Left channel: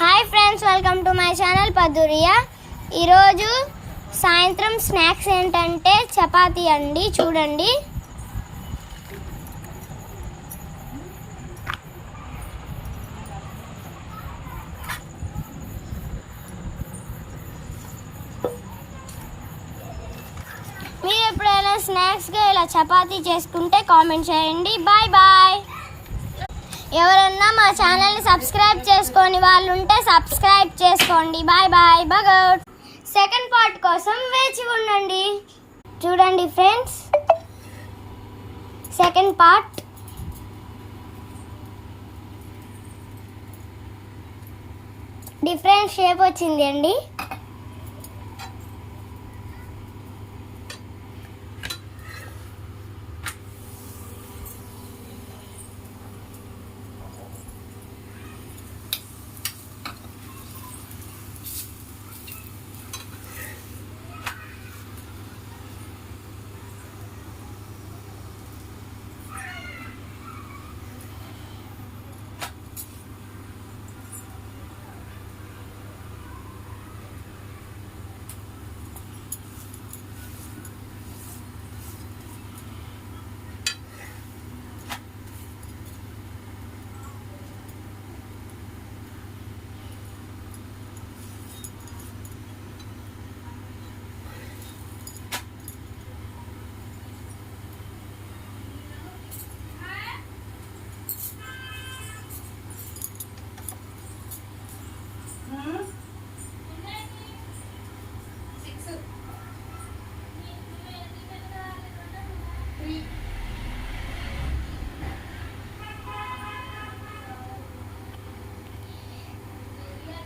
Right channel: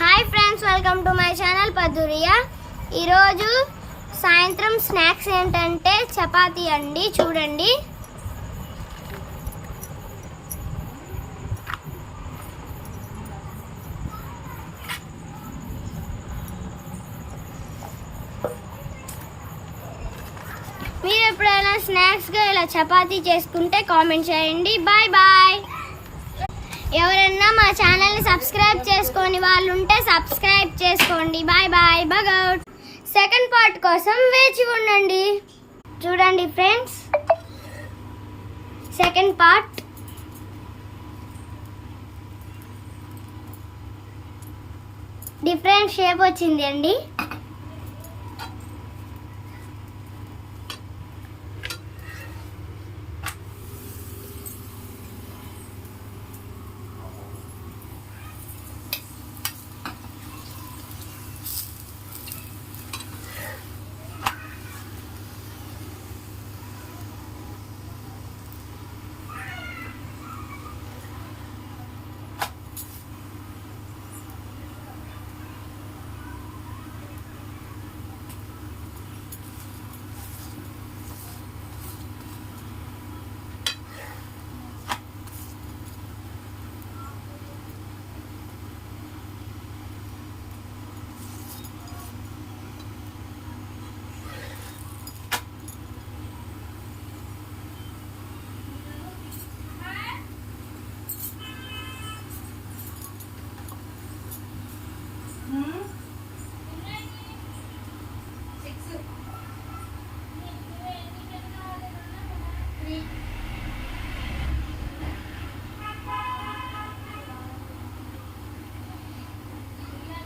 Hi friends, welcome to my channel Paduriya. ఈరోజు సాయంత్రం స్నాక్స్ ఏంటంటే చపాతీ అండి. చూడండి, మీరు ఎప్పుడైనా స్నాక్స్గా ఇలా చపాతీ చేసుకుంటే కామెంట్ చేయండి. Bye bye. ఎవరన్నా మా ఛానల్ని సబ్స్క్రైబ్ చేసుకొని వాళ్ళు ఉంటే సబ్స్క్రైబ్ చేసుకోండి. Bye bye. బగౌట్. సెకండ్ పార్ట్ కోసం వేచి ఉండండి. చూడండి friends, second part. Different shape వచ్చింది అండి.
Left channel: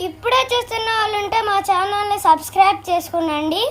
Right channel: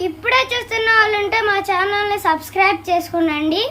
ఇప్పుడే చూస్తున్న వాళ్ళు ఉంటే మా ఛానల్ని సబ్స్క్రైబ్ చేసుకోండి.